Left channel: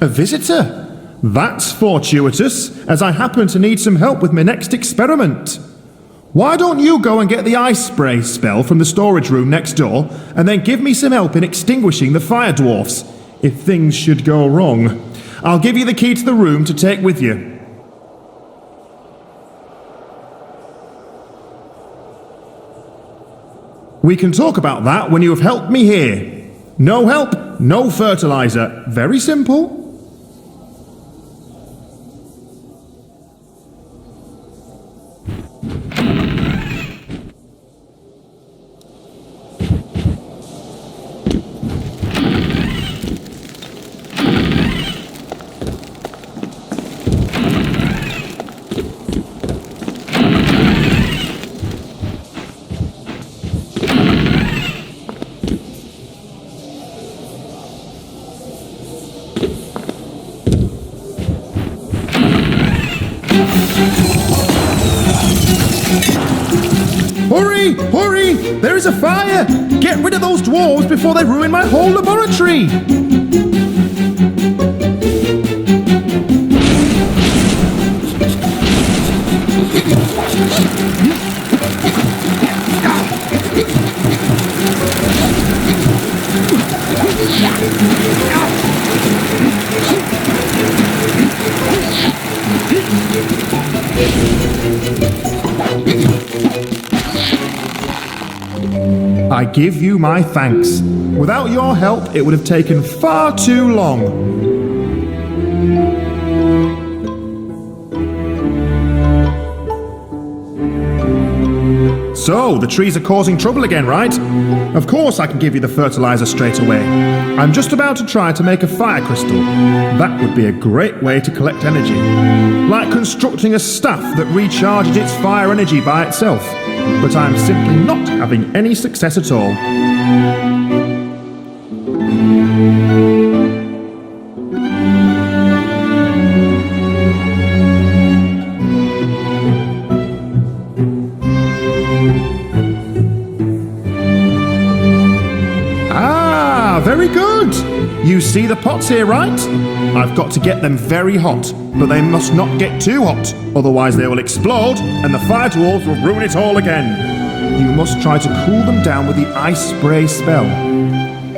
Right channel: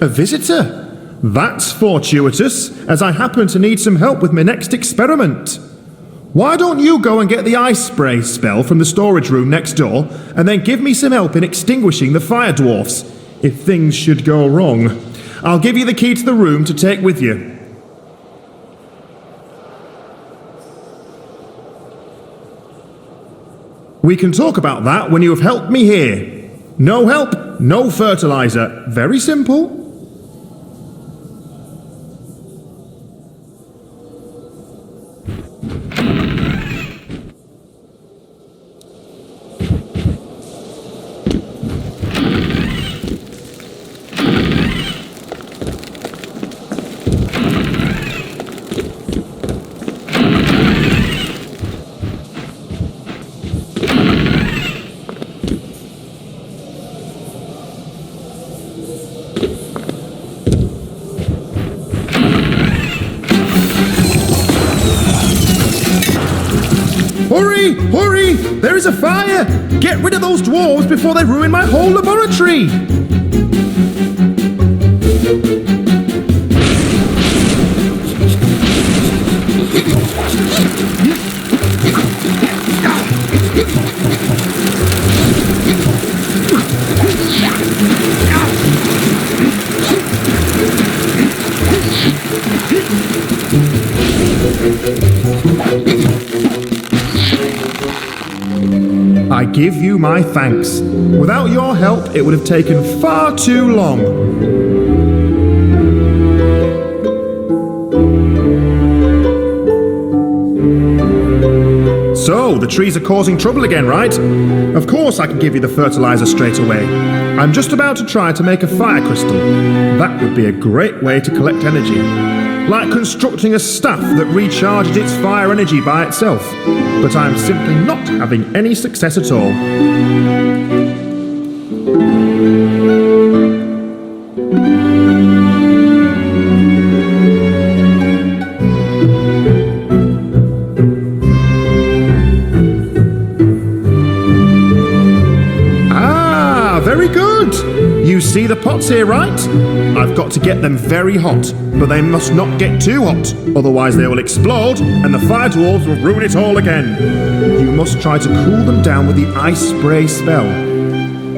A visitor. That's fortuitous, as I happen to need some help with my next experiment. Why don't you go and get the ice spray spell from the storage room next door, and then give me some help in extinguishing the fire dwarfs, if things should go wrong. I'll give you the key to the room to take with you. We can talk about that when you have helped me here. No help, no fertilizer. Very simple. Hurry! Hurry! There is a fire! Get rid of those dwarves before they ruin my whole laboratory! I give you my thanks. Without your help, it would have taken far too long. So, the trees are causing trouble again, right? Of course I can give you the fertilizer straight away. I'm just about to try to make a fire crystal. That would be a great way to collect energy. Like constructing a staff that recharges its fire energy by itself. But I'm simply not having any success at all. Very good! You see the pots here, right? I've got to get them very hot, but they must not get too hot, otherwise they will explode and the fire dwarves will ruin it all again. You must try to cool them down with the ice spray spell.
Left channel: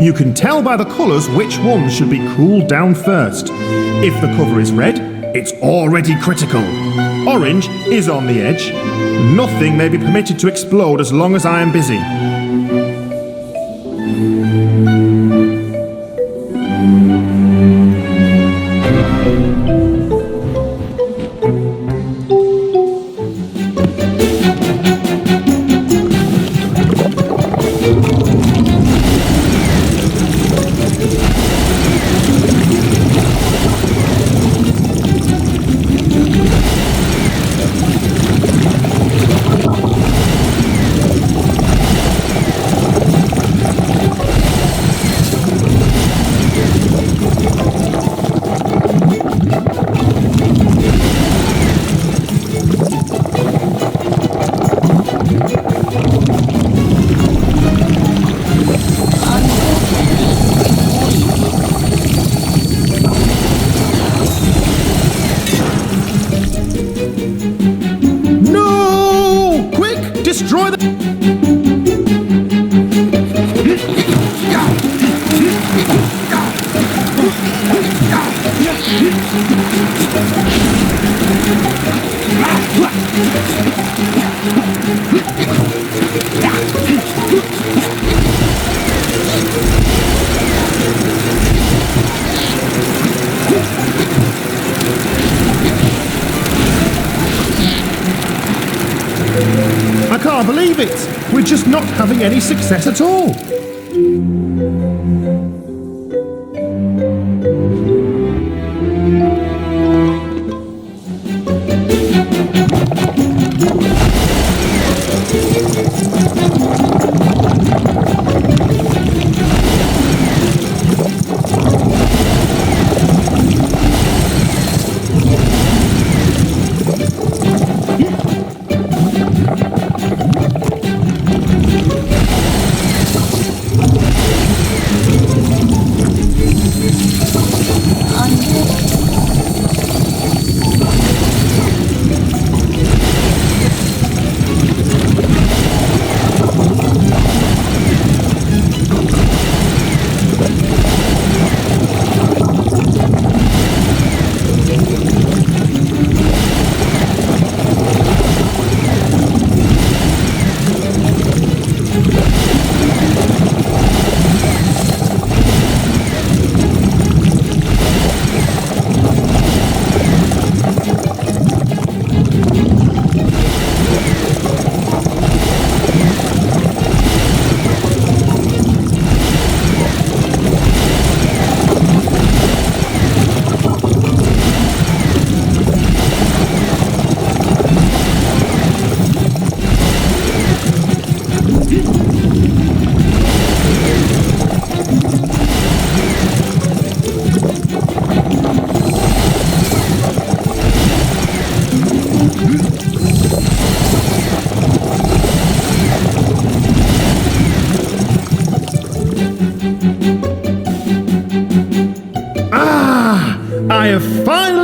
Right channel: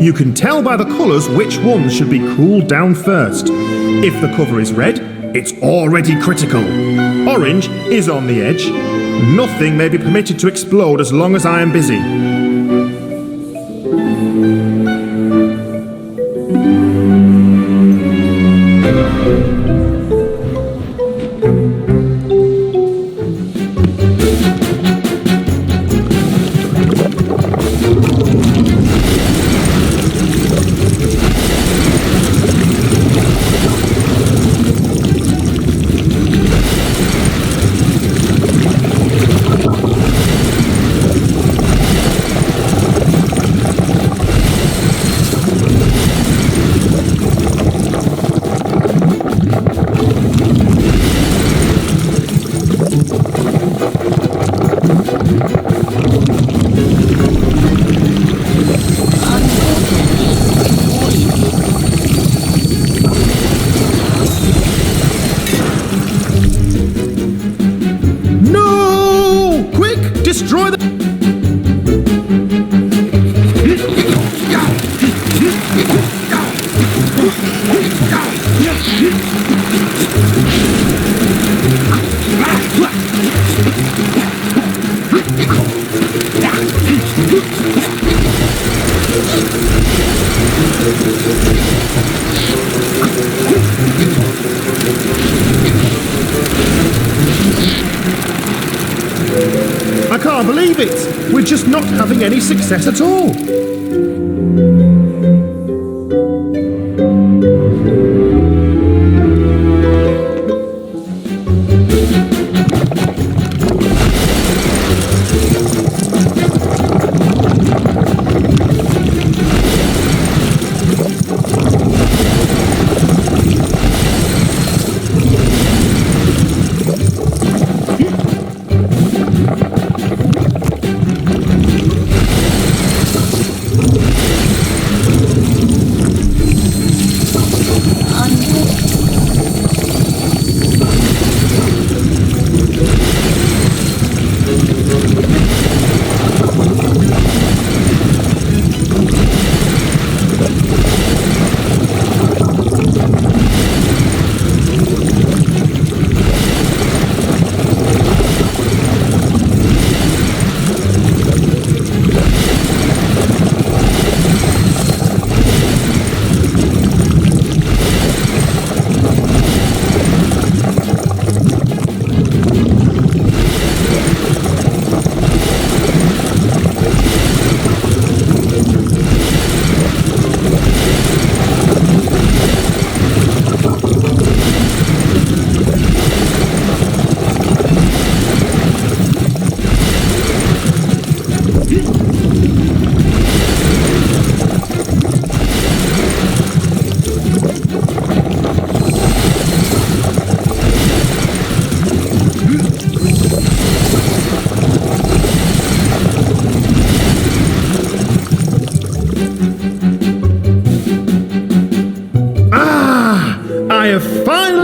You can tell by the colours which ones should be cooled down first. If the cover is red, it's already critical. Orange is on the edge. Nothing may be permitted to explode as long as I am busy. Destroy the... I can't believe it! We're just not having any success at all!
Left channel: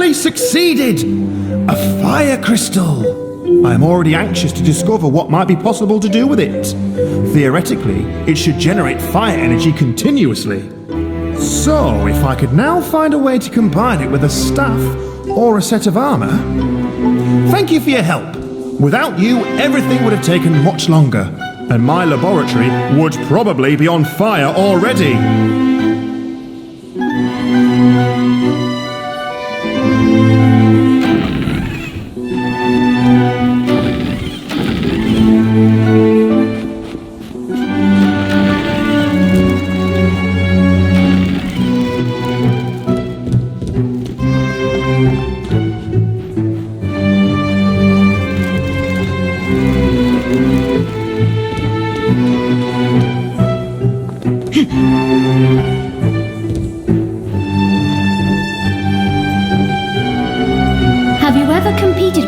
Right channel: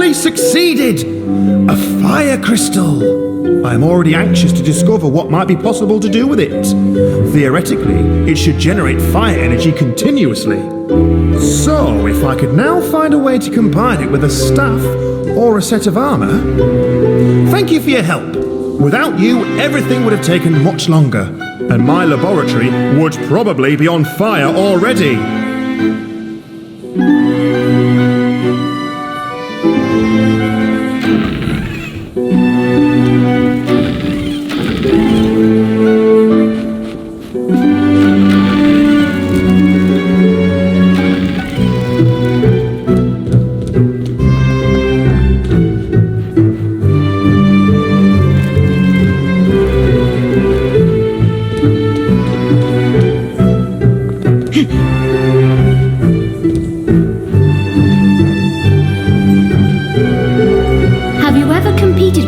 finally succeeded! A fire crystal! I am already anxious to discover what might be possible to do with it. Theoretically, it should generate fire energy continuously. So, if I could now find a way to combine it with a staff or a set of armor... Thank you for your help. Without you, everything would have taken much longer, and my laboratory would probably be on fire already.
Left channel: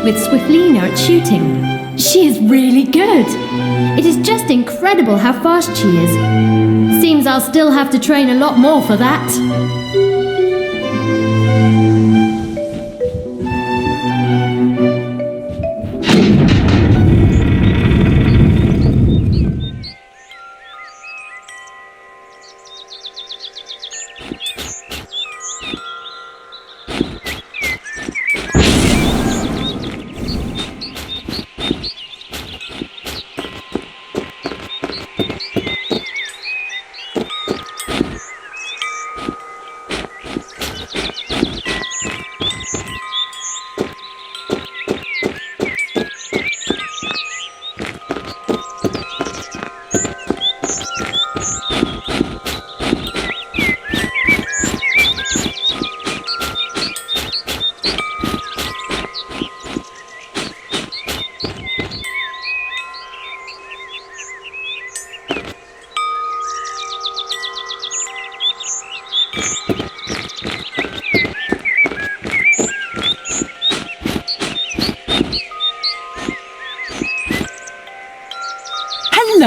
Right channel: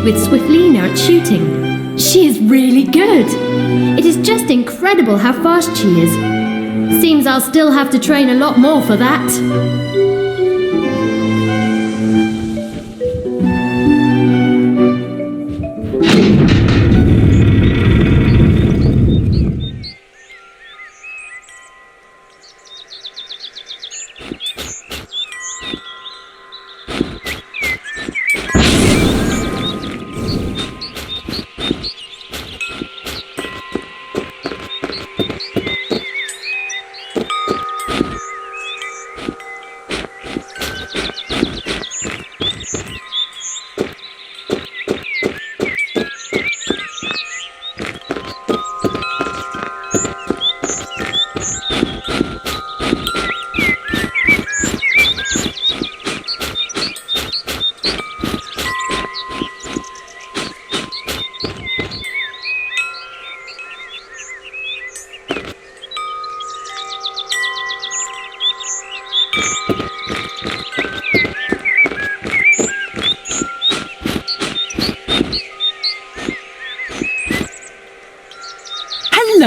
With Swiftlina at shooting. She is really good. It is just incredible how fast she is. Seems I'll still have to train a lot more for that.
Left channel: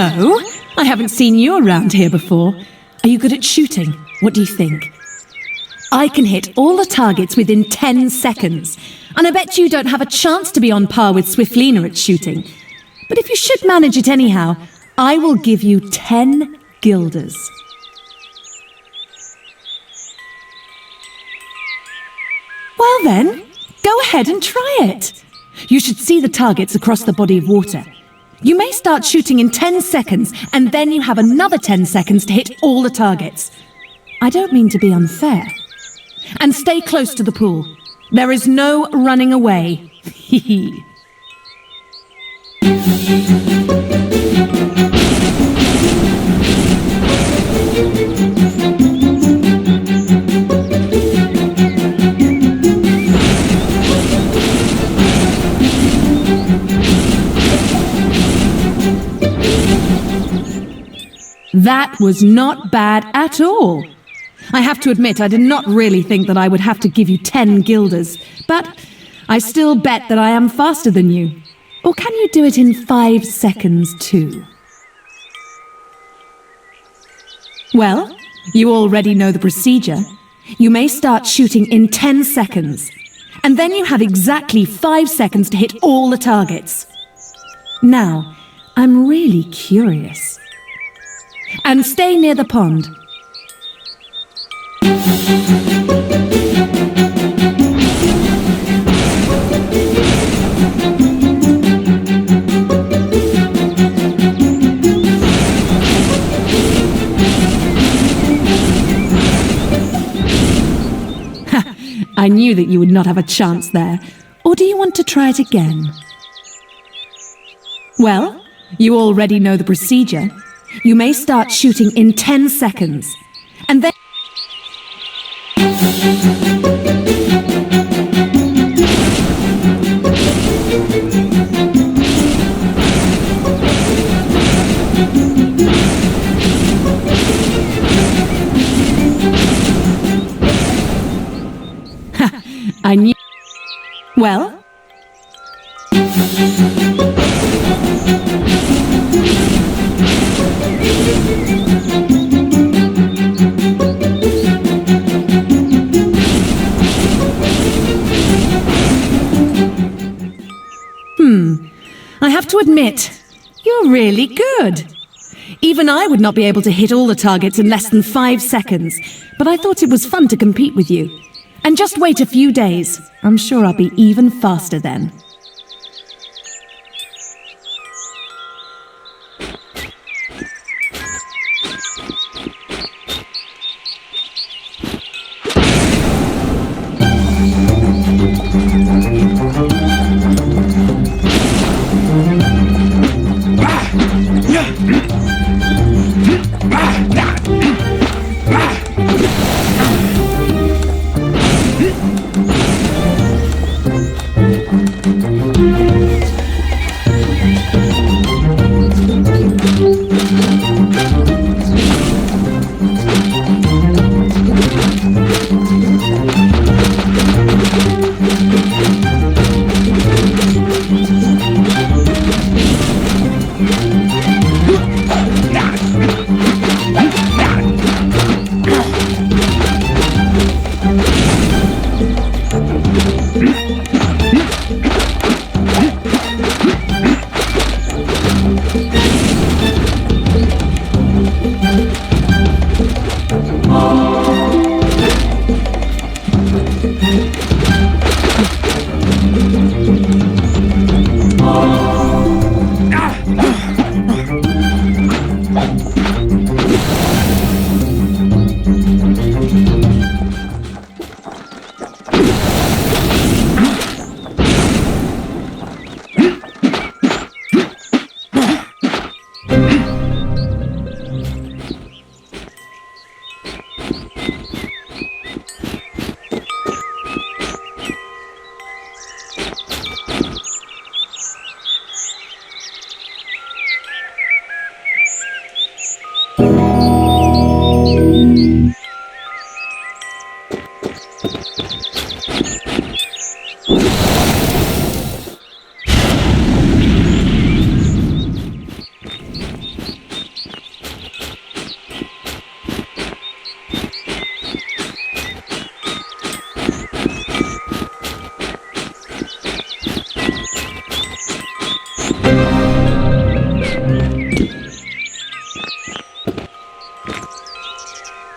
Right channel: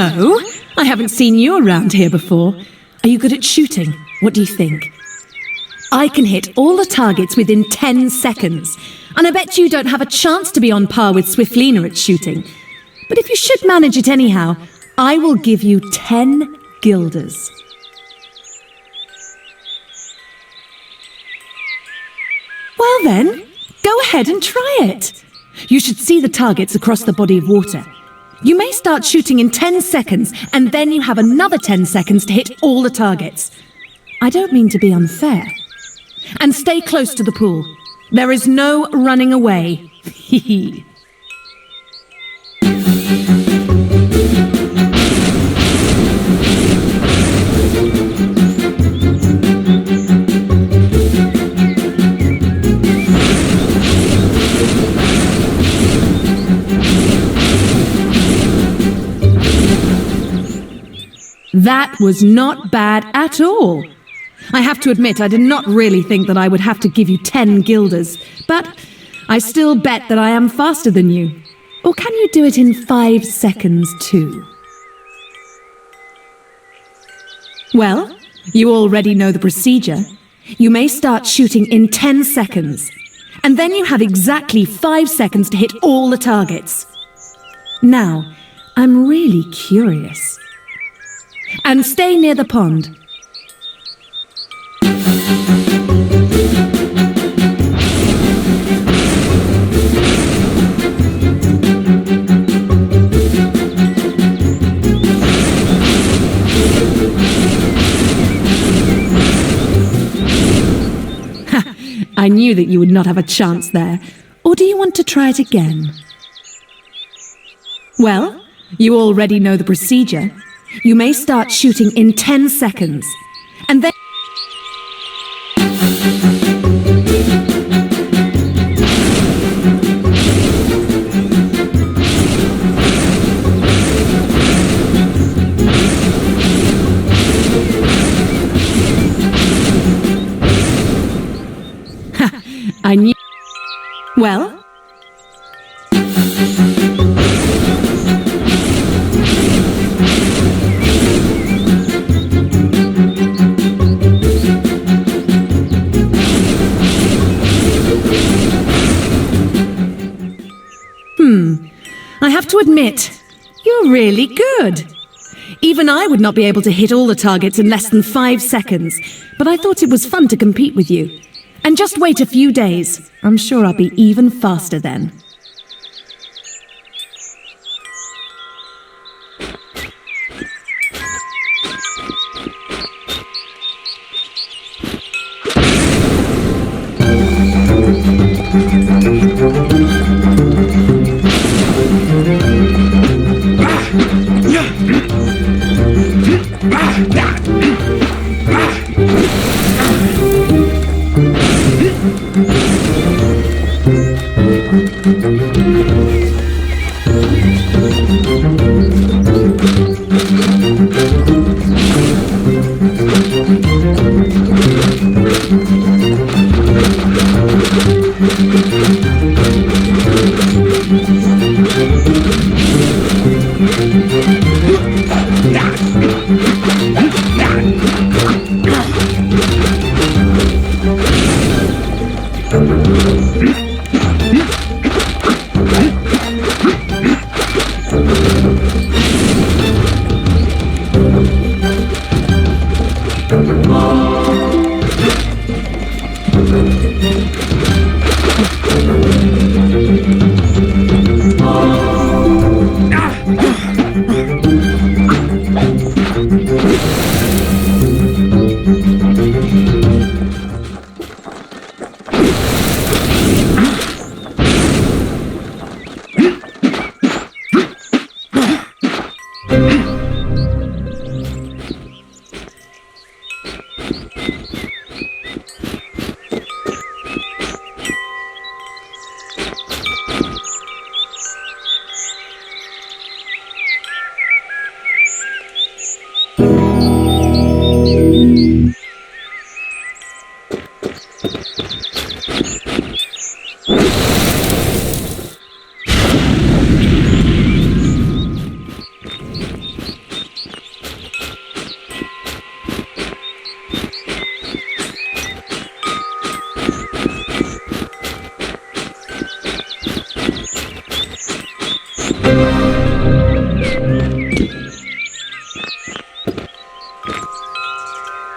Hello? I haven't seen you around here before. Are you good at shooting? What do you think? I can hit all the targets within 10 seconds, and I bet you don't have a chance to be on par with Swiftlina at shooting. But if you should manage it anyhow, I will give you 10 guilders. Well then, go ahead and try it. You should see the targets across the body of water. You may start shooting in 10 seconds, and then you have another 10 seconds to hit all the targets. I don't mean to be unfair. And stay close to the pool. There is no running away. Hee. That was not bad at all. I have to admit, I did not really think that I would have to give you 10 guilders, but I still bet that I am faster than you. Or can you do it in 5 seconds too? Well, you already know the procedure. You may start shooting in 10 seconds, and then you have exactly 5 seconds to hit all the targets. Now, I'm really curious. And stay near the pond. I knew that you would not have a chance there. Or do you want to try it again? Well, you already know the procedure. You may start shooting in 10 seconds, and then... I knew... Well... to admit, you're really good. Even I would not be able to hit all the targets in less than 5 seconds, but I thought it was fun to compete with you. And just wait a few days. I'm sure I'll be even faster then.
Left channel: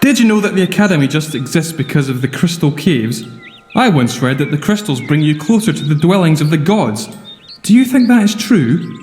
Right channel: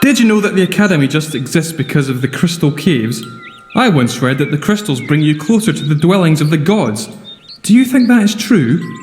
Did you know that the Academy just exists because of the crystal caves? I once read that the crystals bring you closer to the dwellings of the gods. Do you think that is true?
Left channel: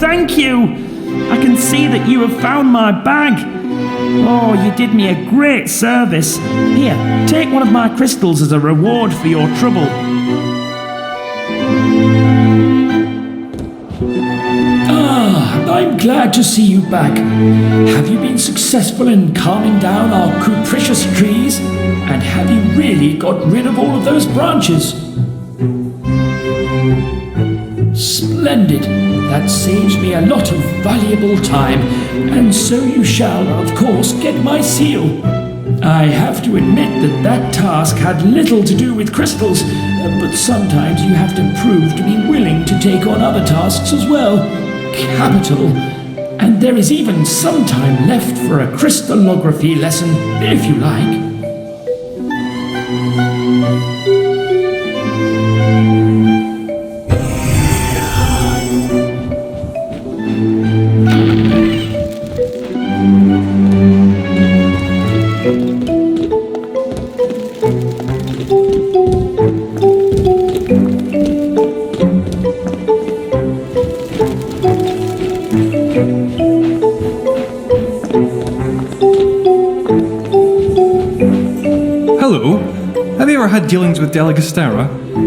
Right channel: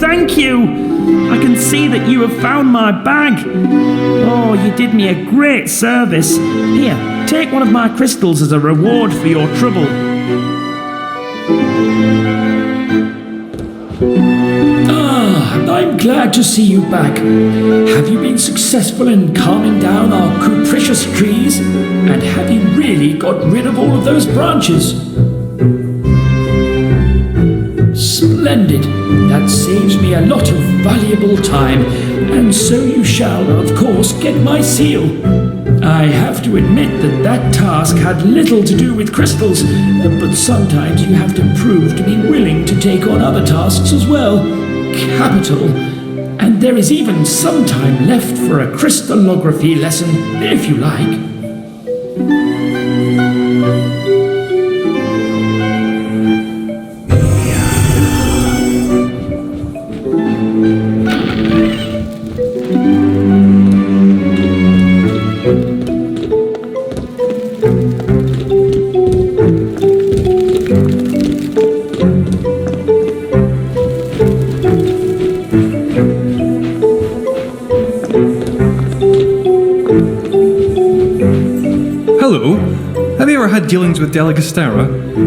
Thank you! I can see that you have found my bag. Oh, you did me a great service. Here, take one of my crystals as a reward for your trouble. I'm glad to see you back. Have you been successful in calming down our capricious trees? And have you really got rid of all of those branches? Splendid. That saves me a lot of valuable time, and so you shall, of course, get my seal. I have to admit that task had little to do with crystals, but sometimes you have to prove to be willing to take on other tasks as well. Capital. And there is even some time left for a crystallography lesson, if you like. dealings with Deligostera,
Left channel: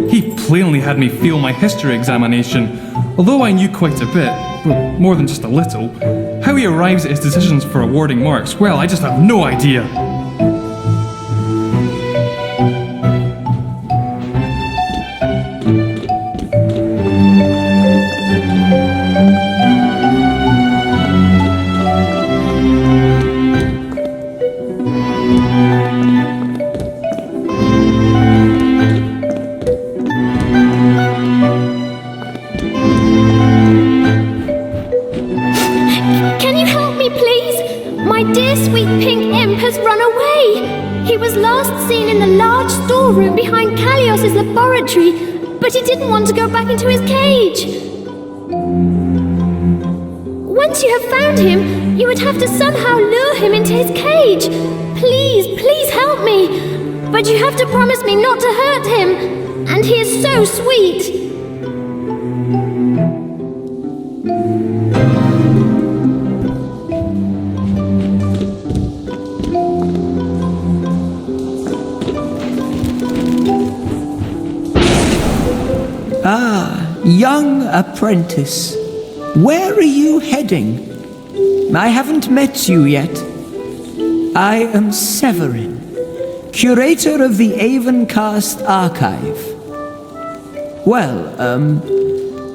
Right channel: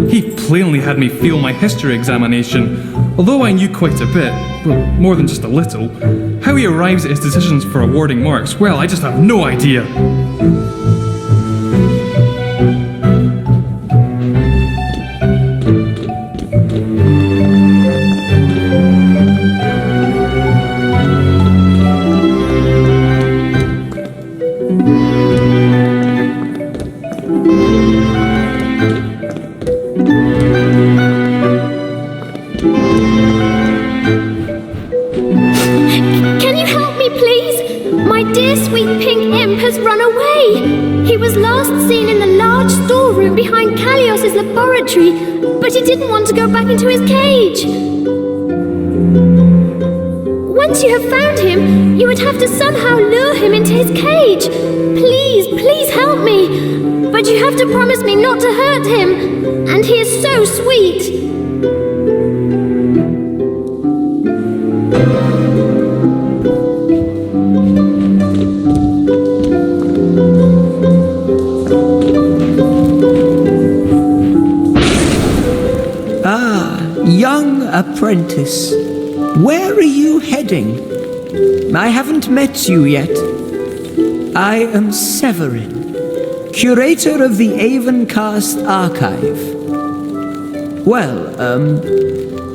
he plainly had me fail my history examination. Although I knew quite a bit, well, more than just a little, how he arrives at his decisions for awarding marks, well, I just have no idea. But he didn't want to go back into his cage. Once you have found him, you would have to somehow lure him into his cage. Please help me. But you have to promise me not to hurt him. And he is so sweet. Young apprentice, where are you heading? I haven't met you yet. I am Severin, curator of the Avencast archive. Well,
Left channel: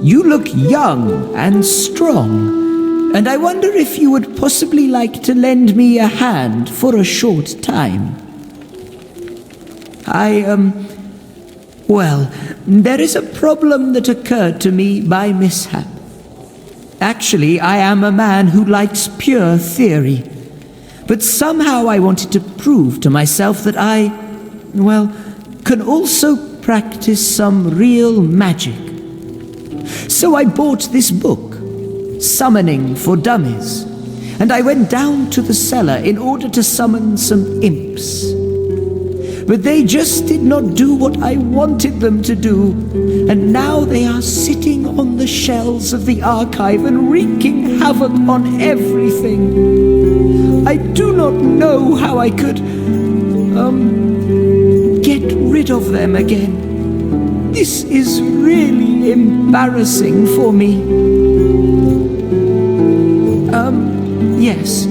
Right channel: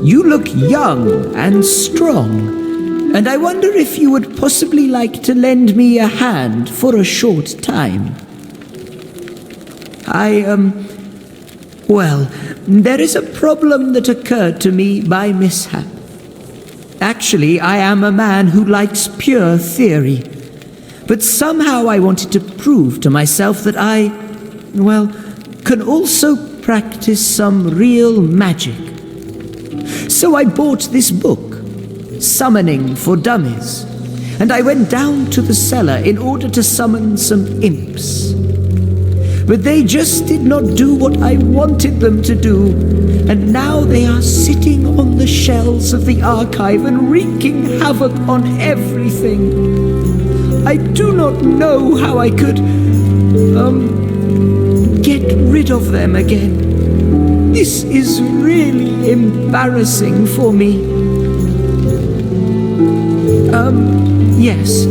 you look young and strong, and I wonder if you would possibly like to lend me a hand for a short time. Well, there is a problem that occurred to me by mishap. Actually, I am a man who likes pure theory. But somehow I wanted to prove to myself that I, can also practice some real magic. So I bought this book, Summoning for Dummies, and I went down to the cellar in order to summon some imps. But they just did not do what I wanted them to do, and now they are sitting on the shelves of the archive and wreaking havoc on everything. I do not know how I could, get rid of them again. This is really embarrassing for me. Yes.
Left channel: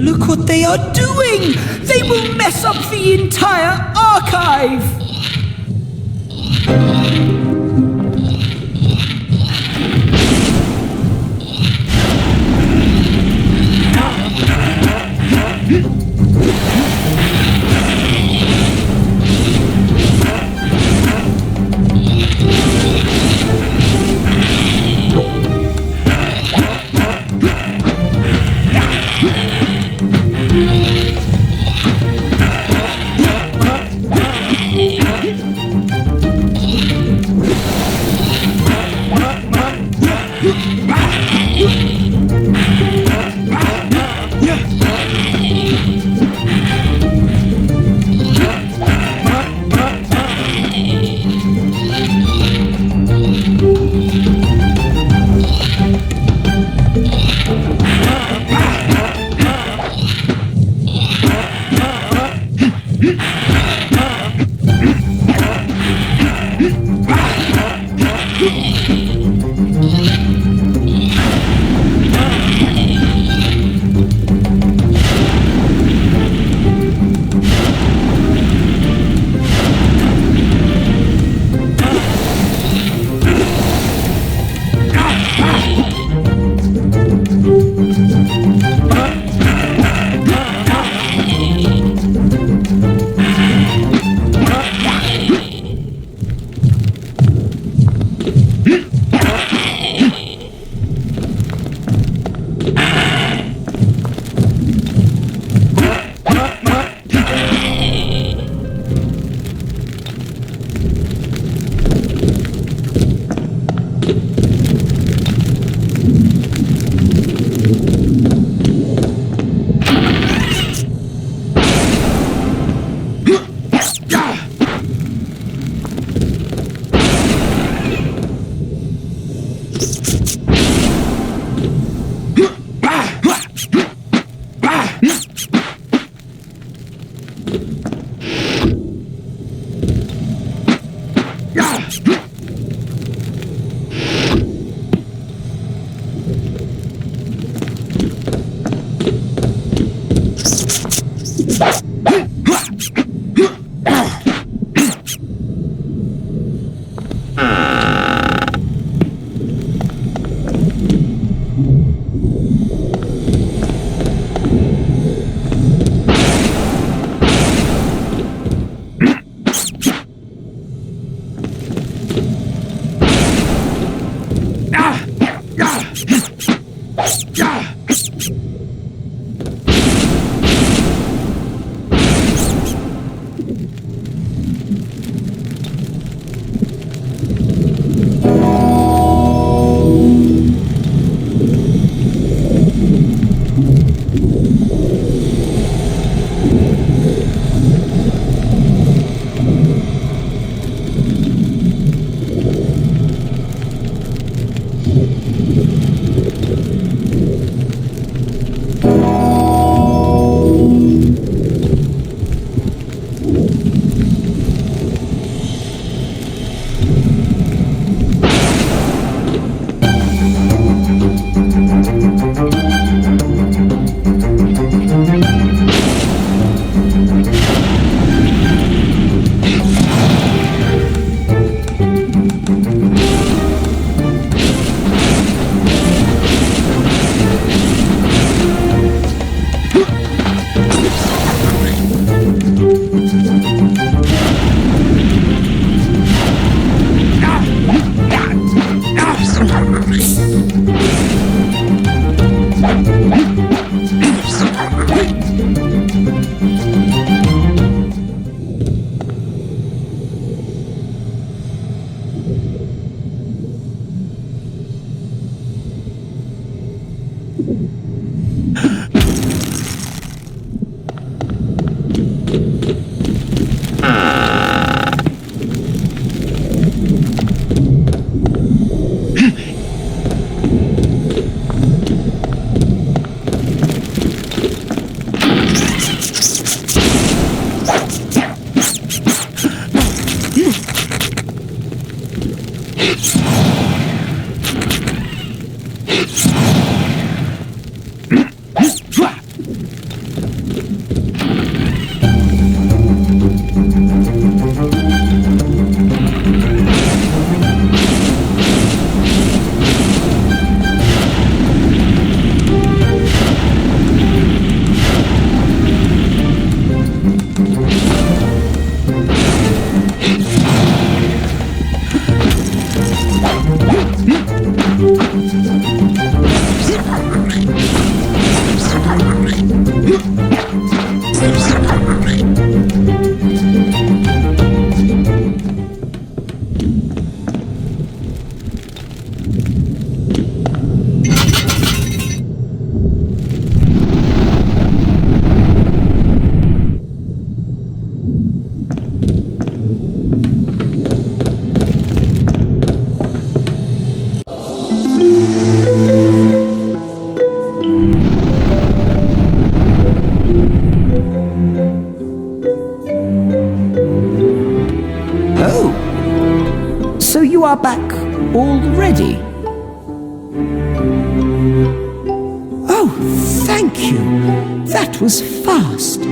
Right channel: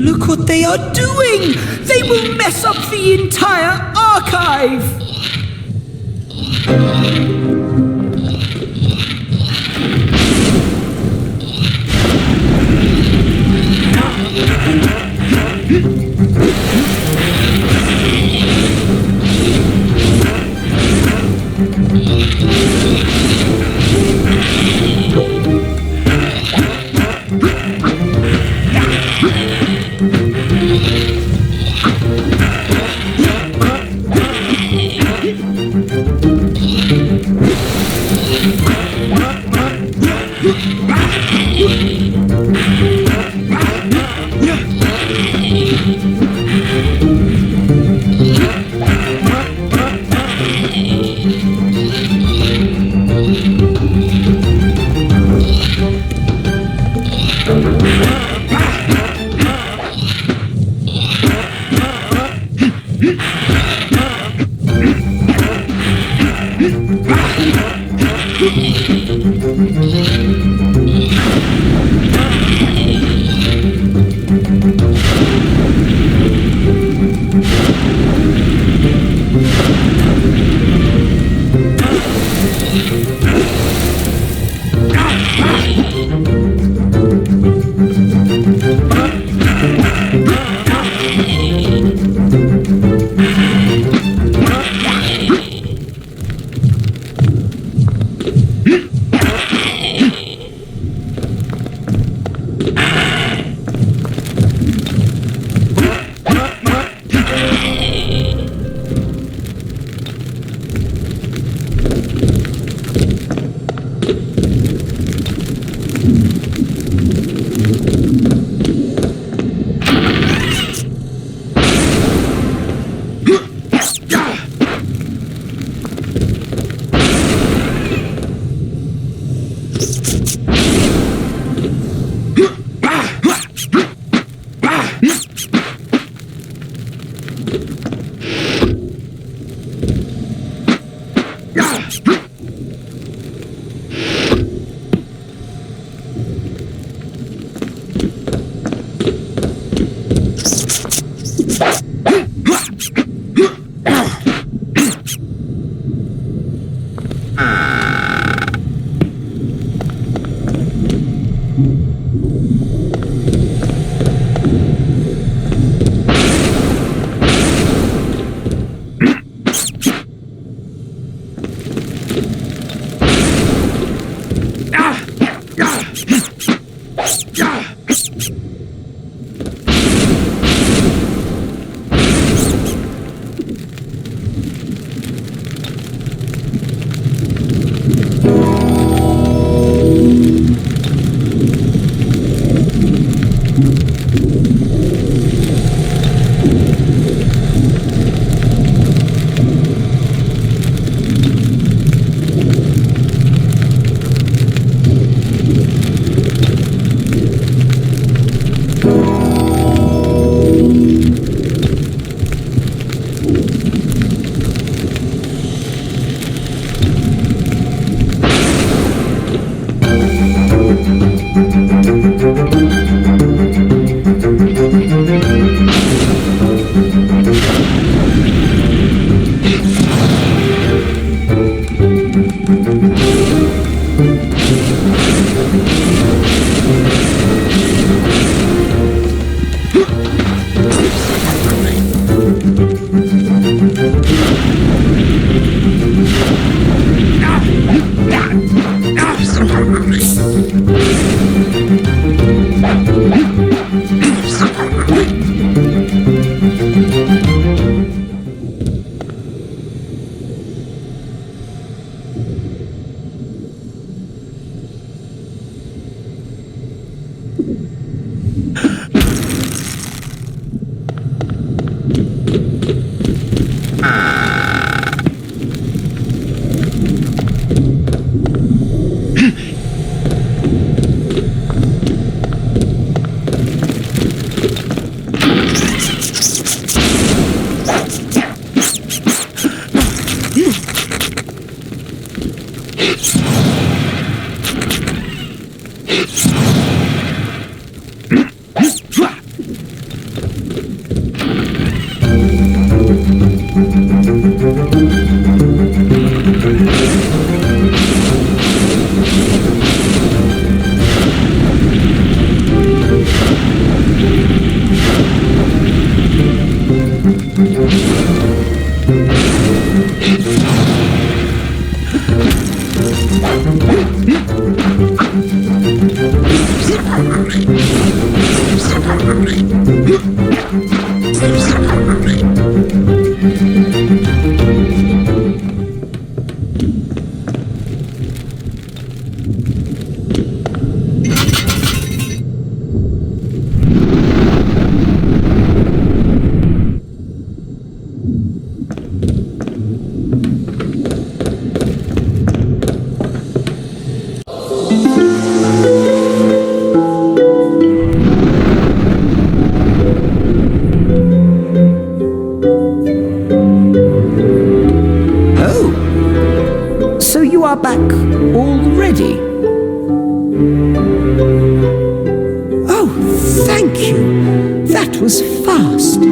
Look what they are doing! They will mess up the entire archive! Are back already? Oh, thank you. That was fast.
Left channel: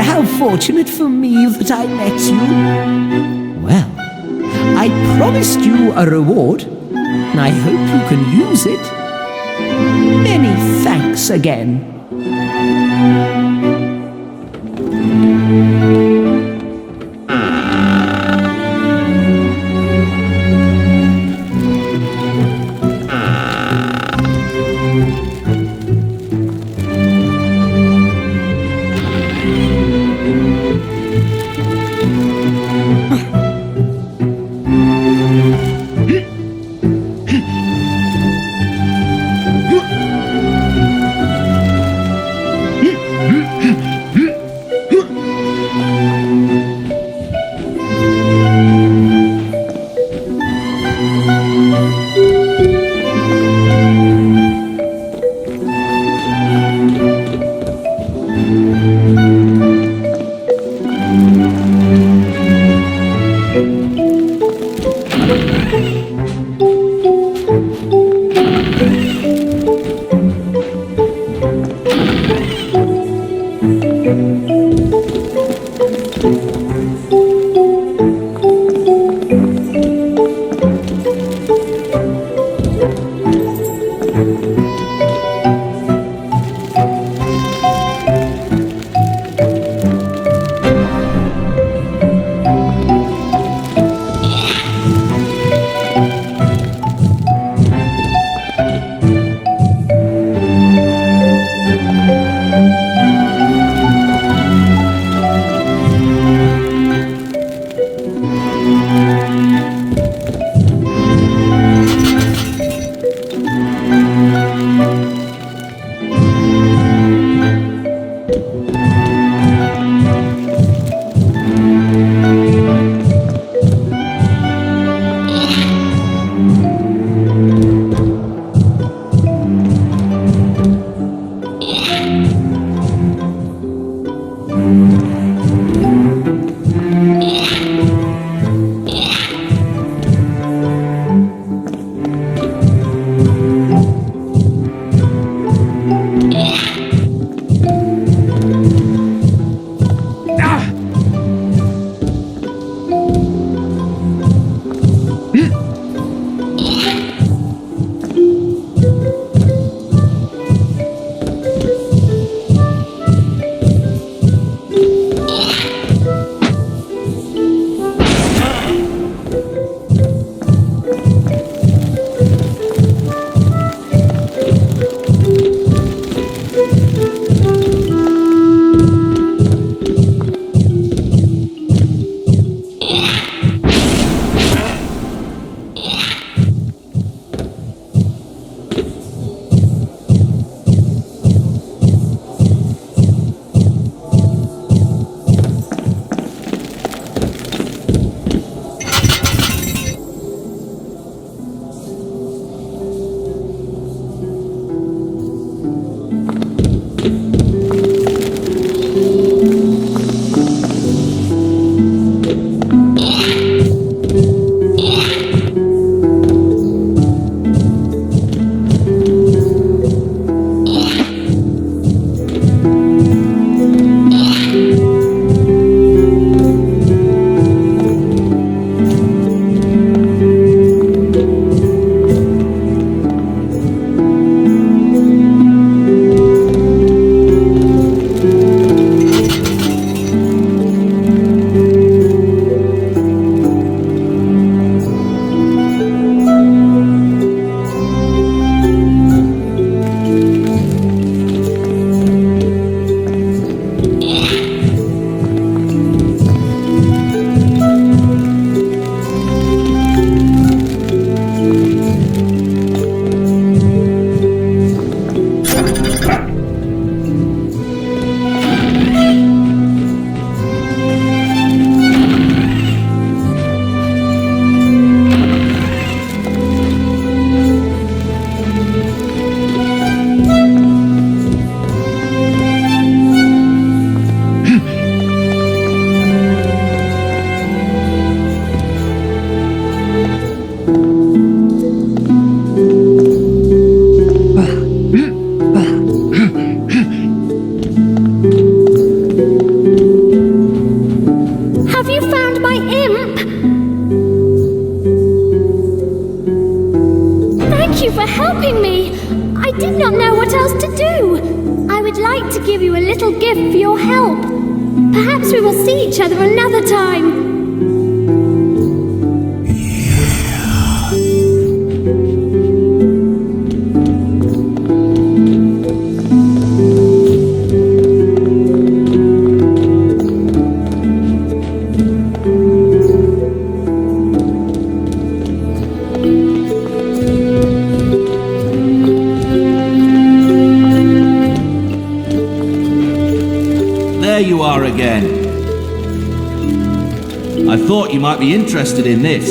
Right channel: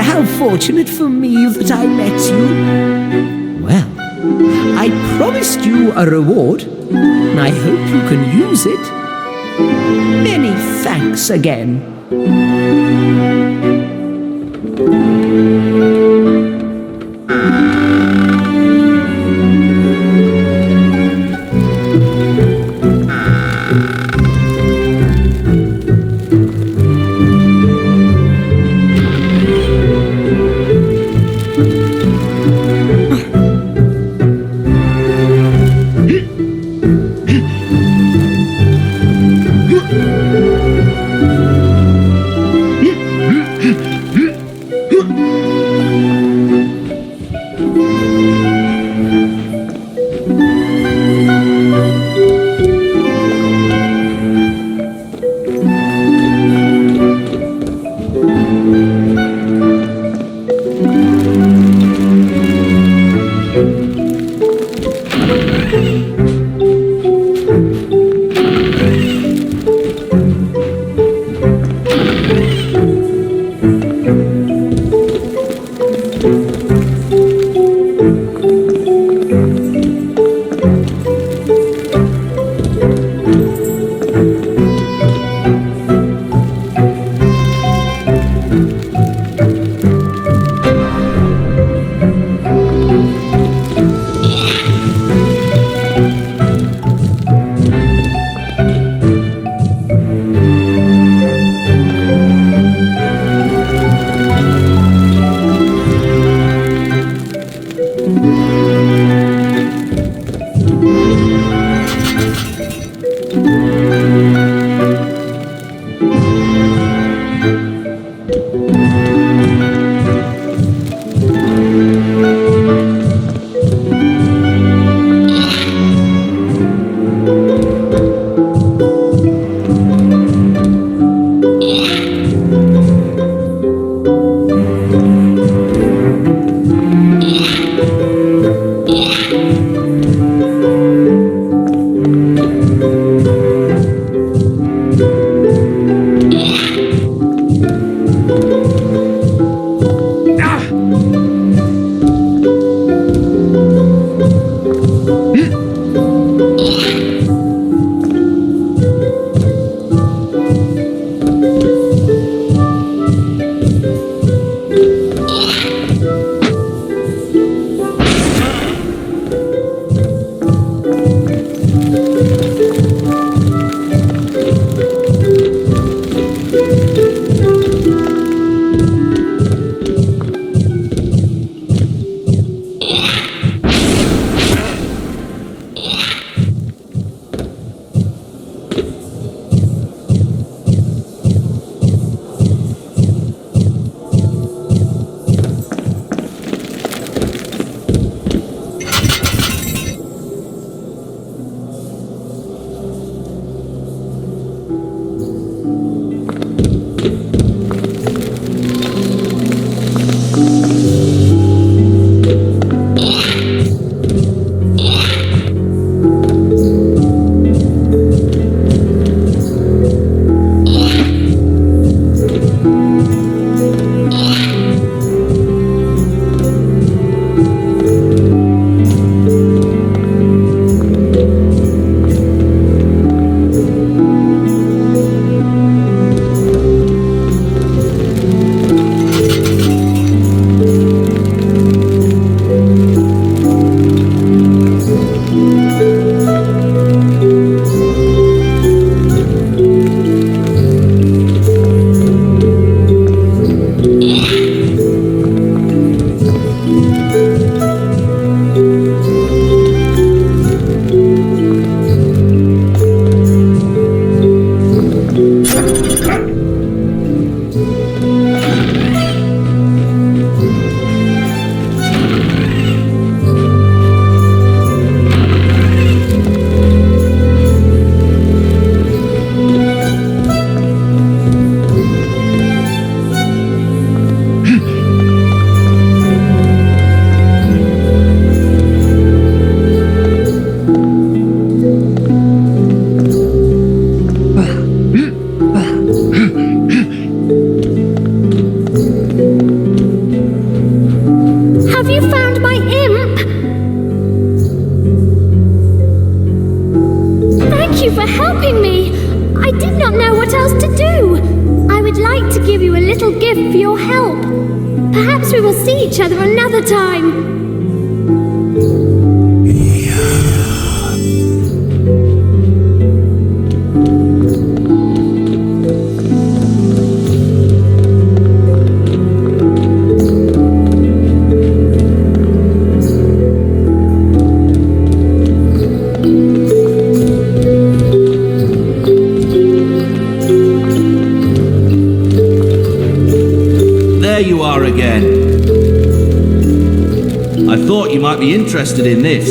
How fortunate for me that I met you. Well, I promised you a reward. I hope you can use it. Many thanks again. Perhaps we will see each other another time. There you are again. I thought you might be interested in this.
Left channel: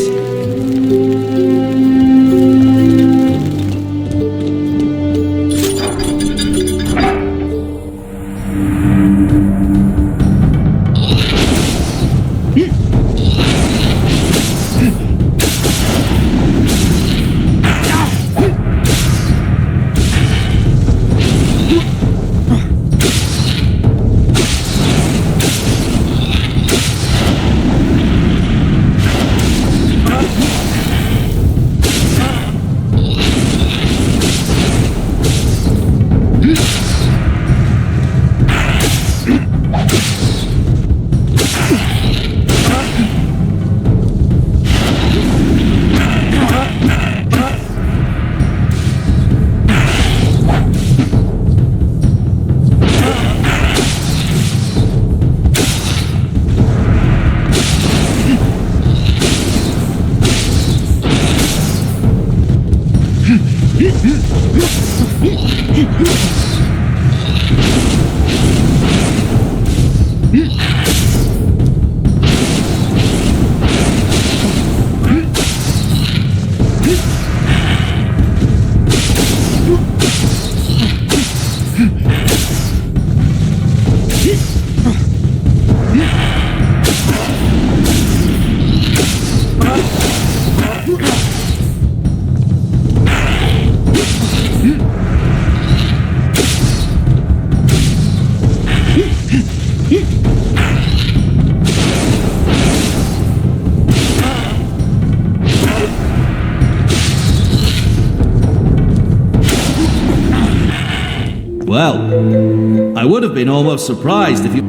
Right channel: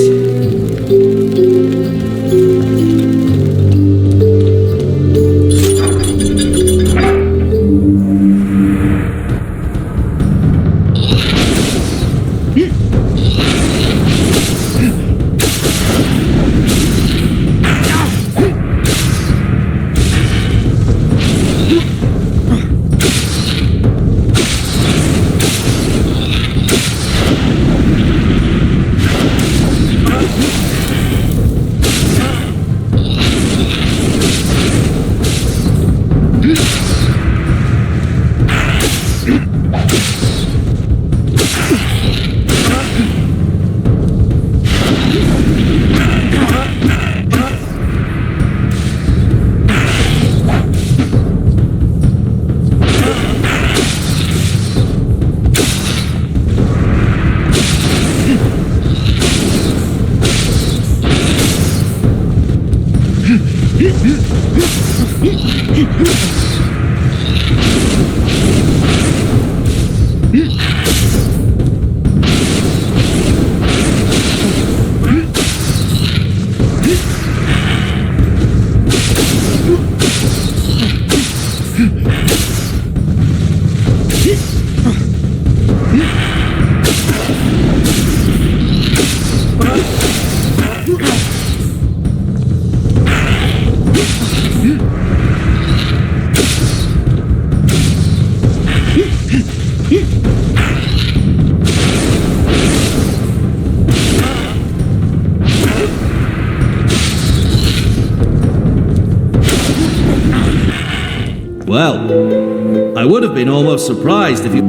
Well, I would have been almost surprised if you...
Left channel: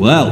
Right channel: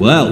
Well...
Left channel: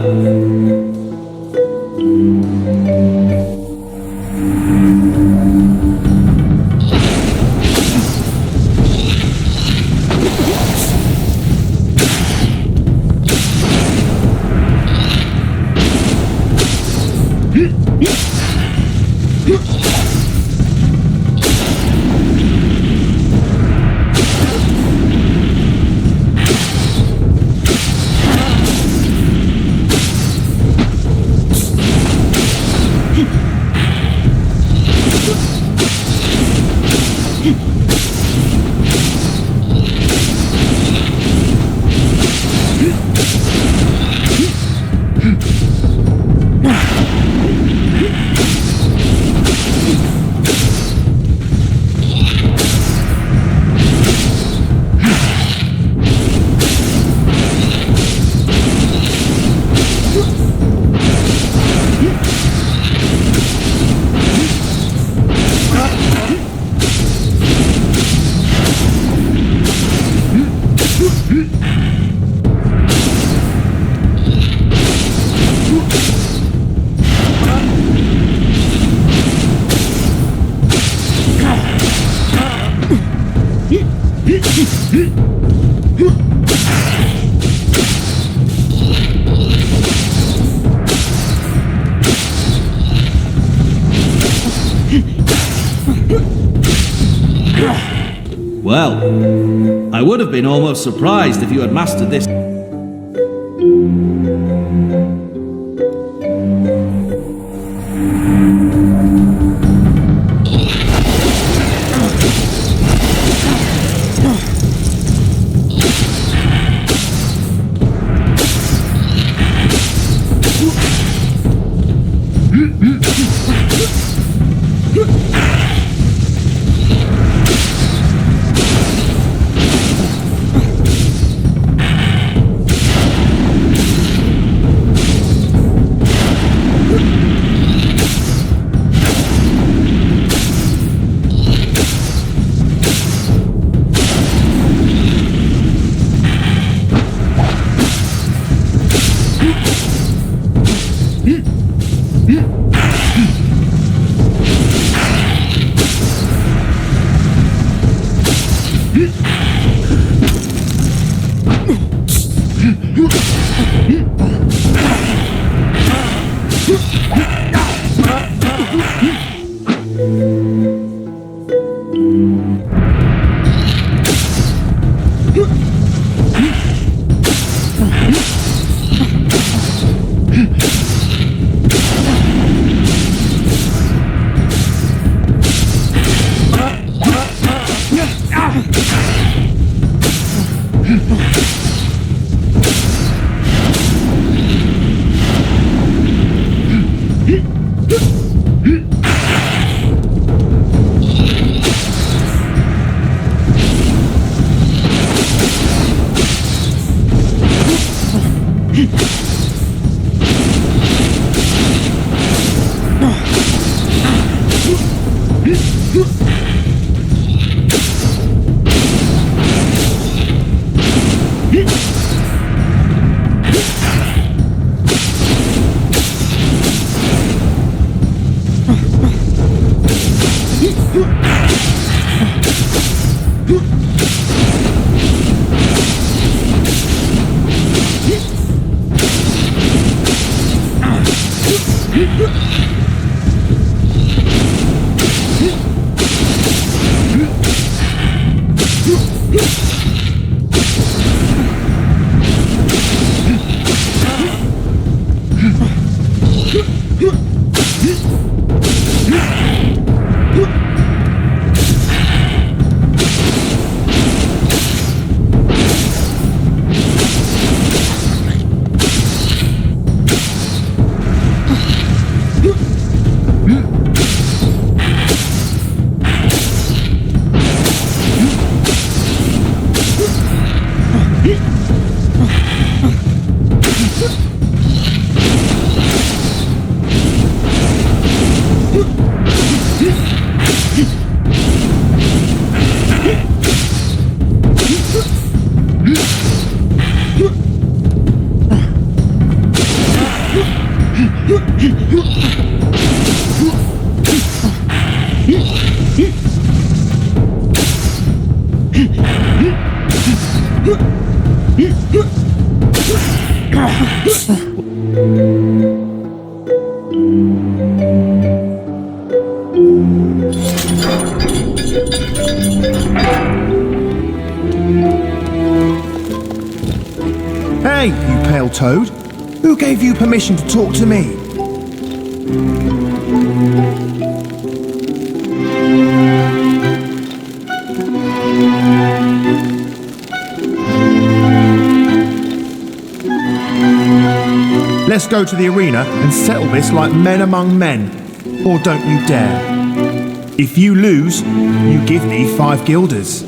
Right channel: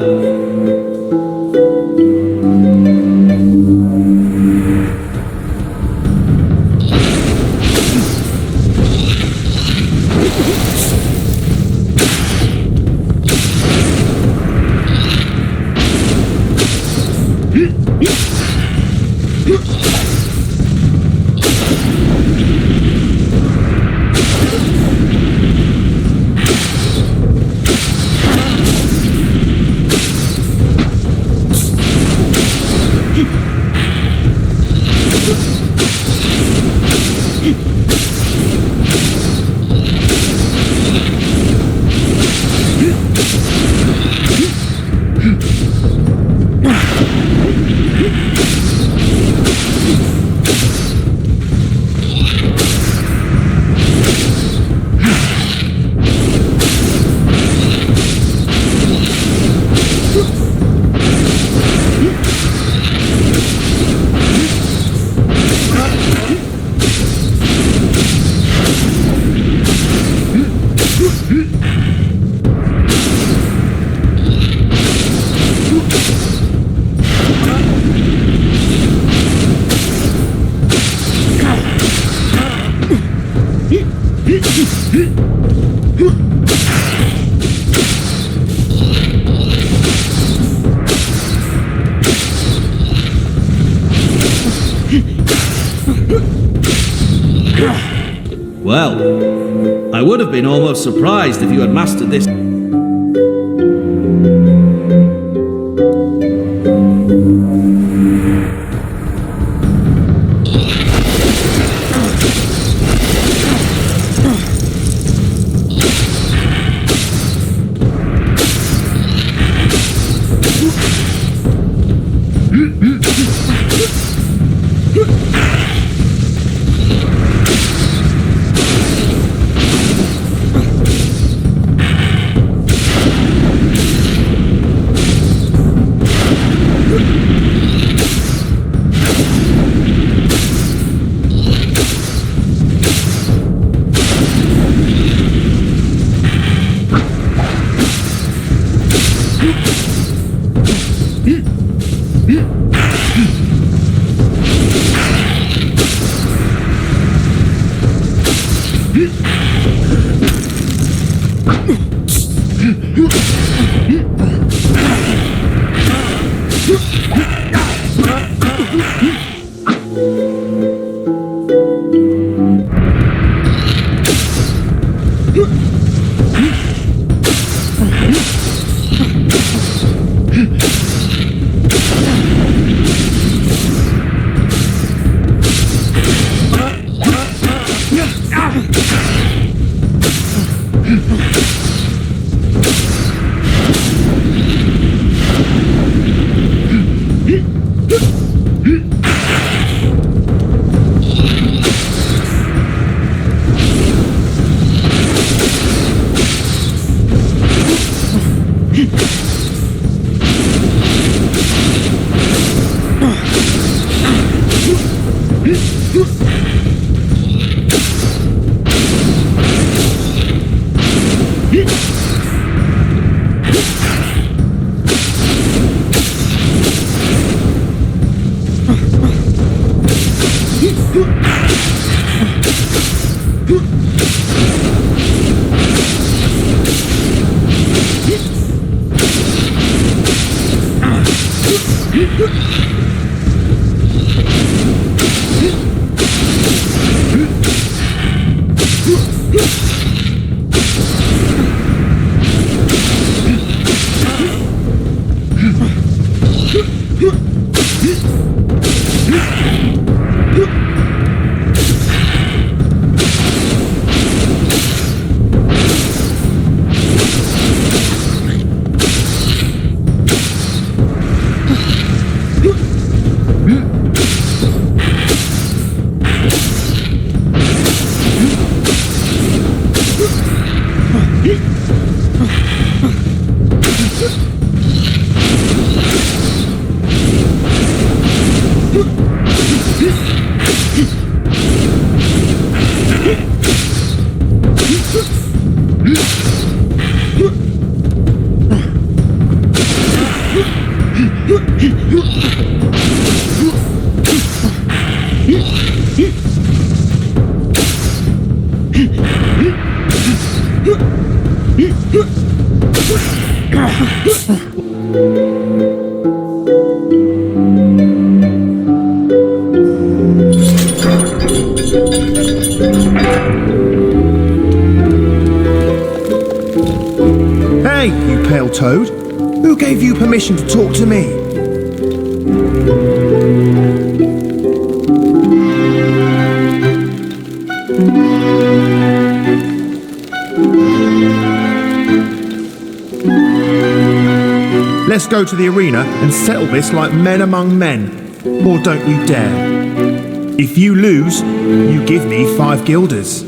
Well, I would have been almost surprised if you had mastered this. Hey, you pale toad. Who gave you permission to talk to me? Let's go to the arena and settle this like men among men. Or don't you dare. If you lose, you give me 5 guilders.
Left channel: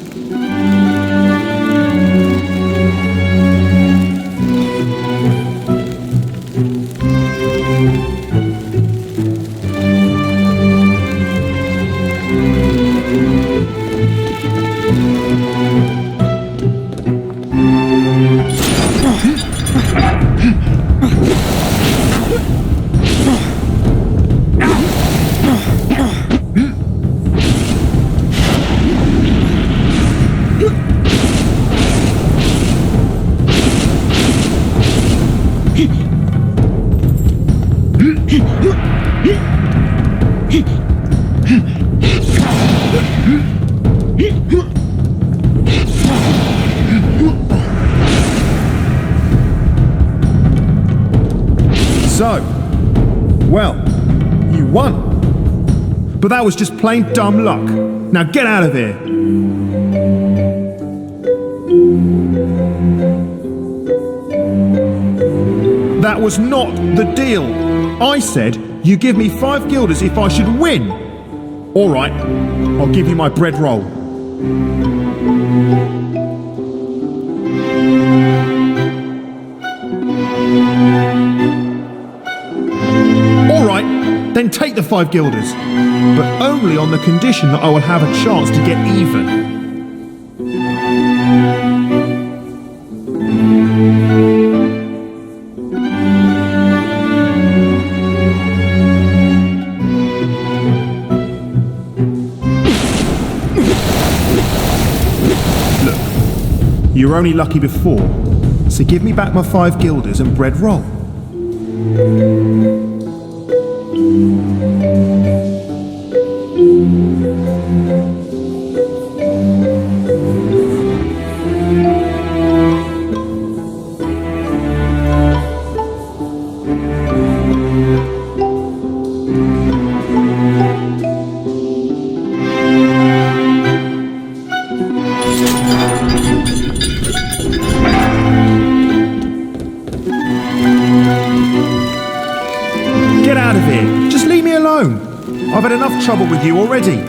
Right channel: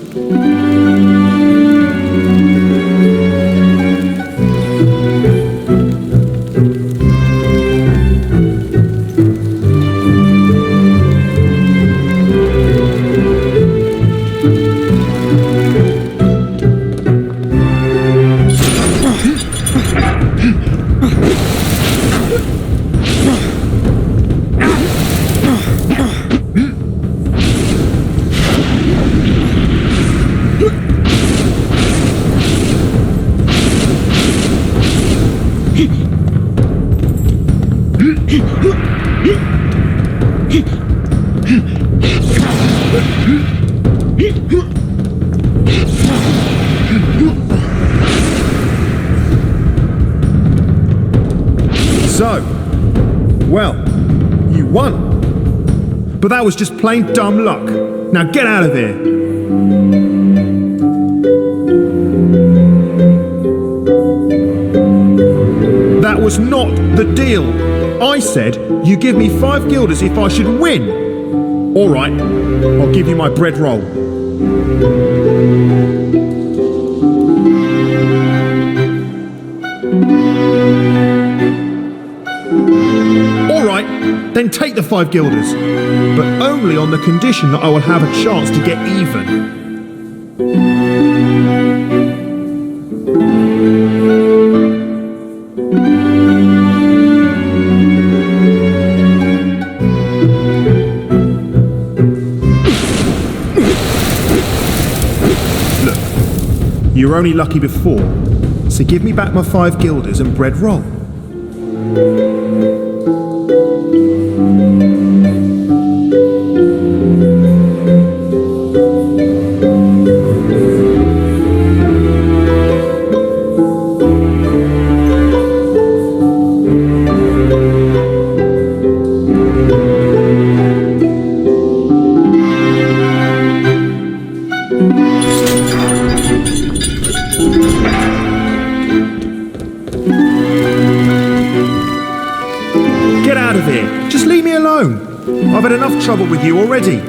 So, well, you won. But that was just plain dumb luck. Now get out of here. That was not the deal. I said you give me 5 guilders if I should win. All right, I'll give you my bread roll. All right, then take the 5 guilders, but only on the condition that I will have a chance to get even. You were only lucky before, so give me back my 5 guilders and bread roll. Get out of here. Just leave me alone. I've had enough trouble with you already.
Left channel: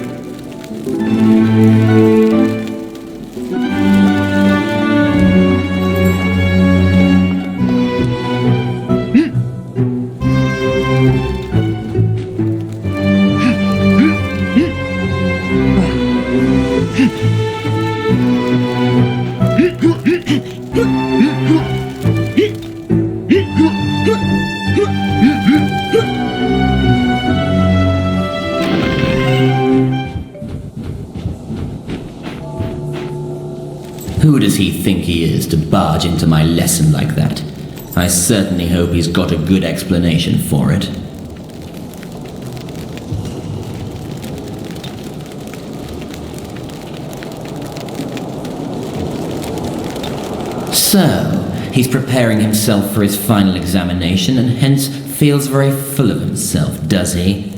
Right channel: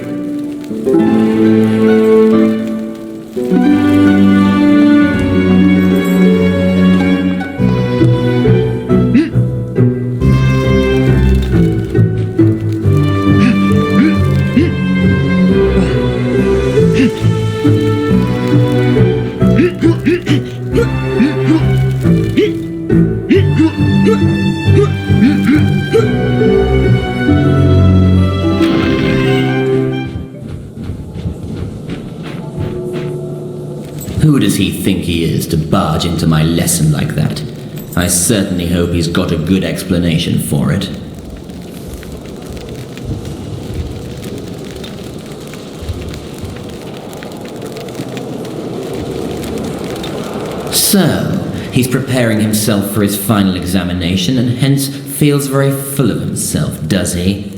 Who does he think he is to barge into my lesson like that? I certainly hope he's got a good explanation for it. So, he's preparing himself for his final examination and hence feels very full of himself, does he?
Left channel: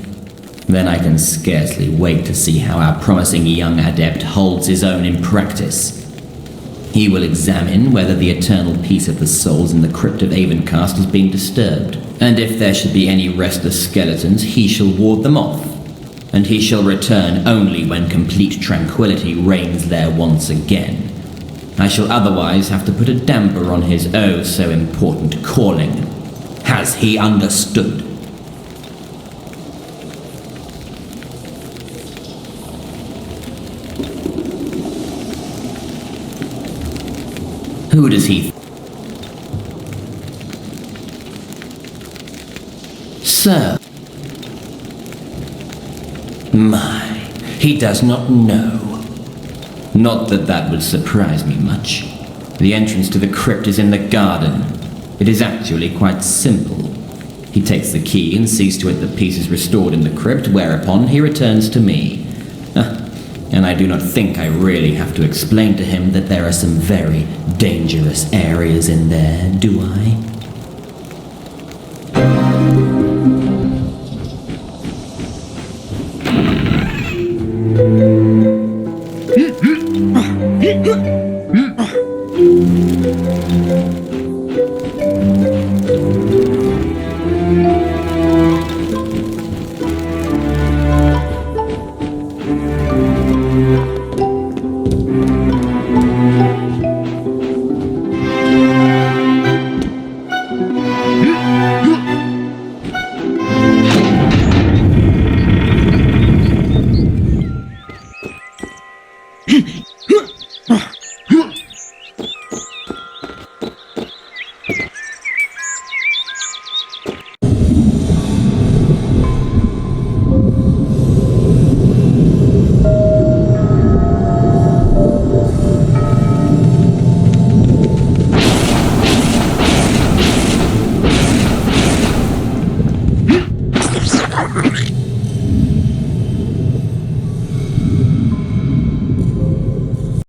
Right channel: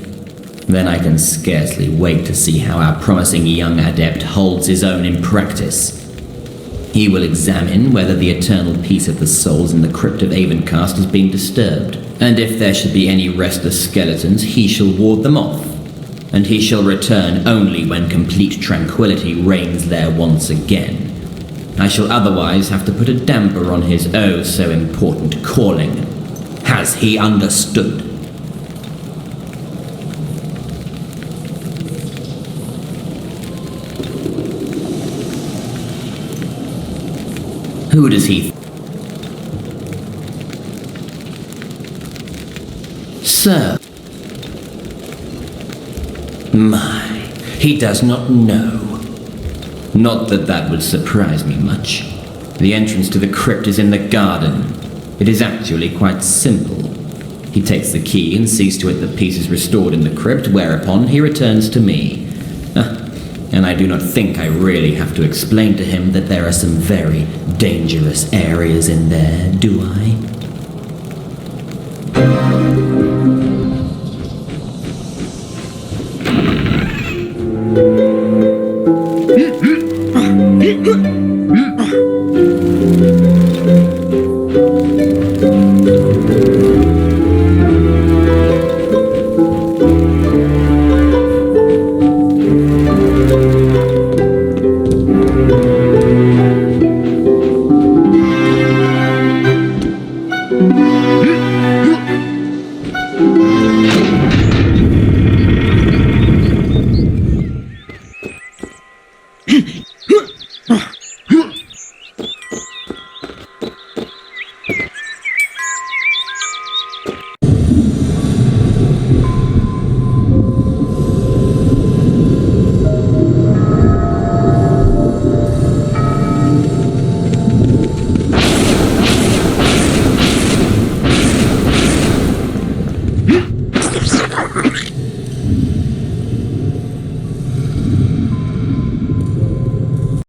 Then I can scarcely wait to see how our promising young adept holds his own in practice. He will examine whether the eternal peace of the souls in the crypt of Avencast has been disturbed, and if there should be any restless skeletons, he shall ward them off, and he shall return only when complete tranquility reigns there once again. I shall otherwise have to put a damper on his oh so important calling. Has he understood? Who does he... Sir. My, he does not know. Not that that would surprise me much. The entrance to the crypt is in the garden. It is actually quite simple. He takes the key and sees to it that peace is restored in the crypt, whereupon he returns to me. And I do not think I really have to explain to him that there are some very dangerous areas in there, do I?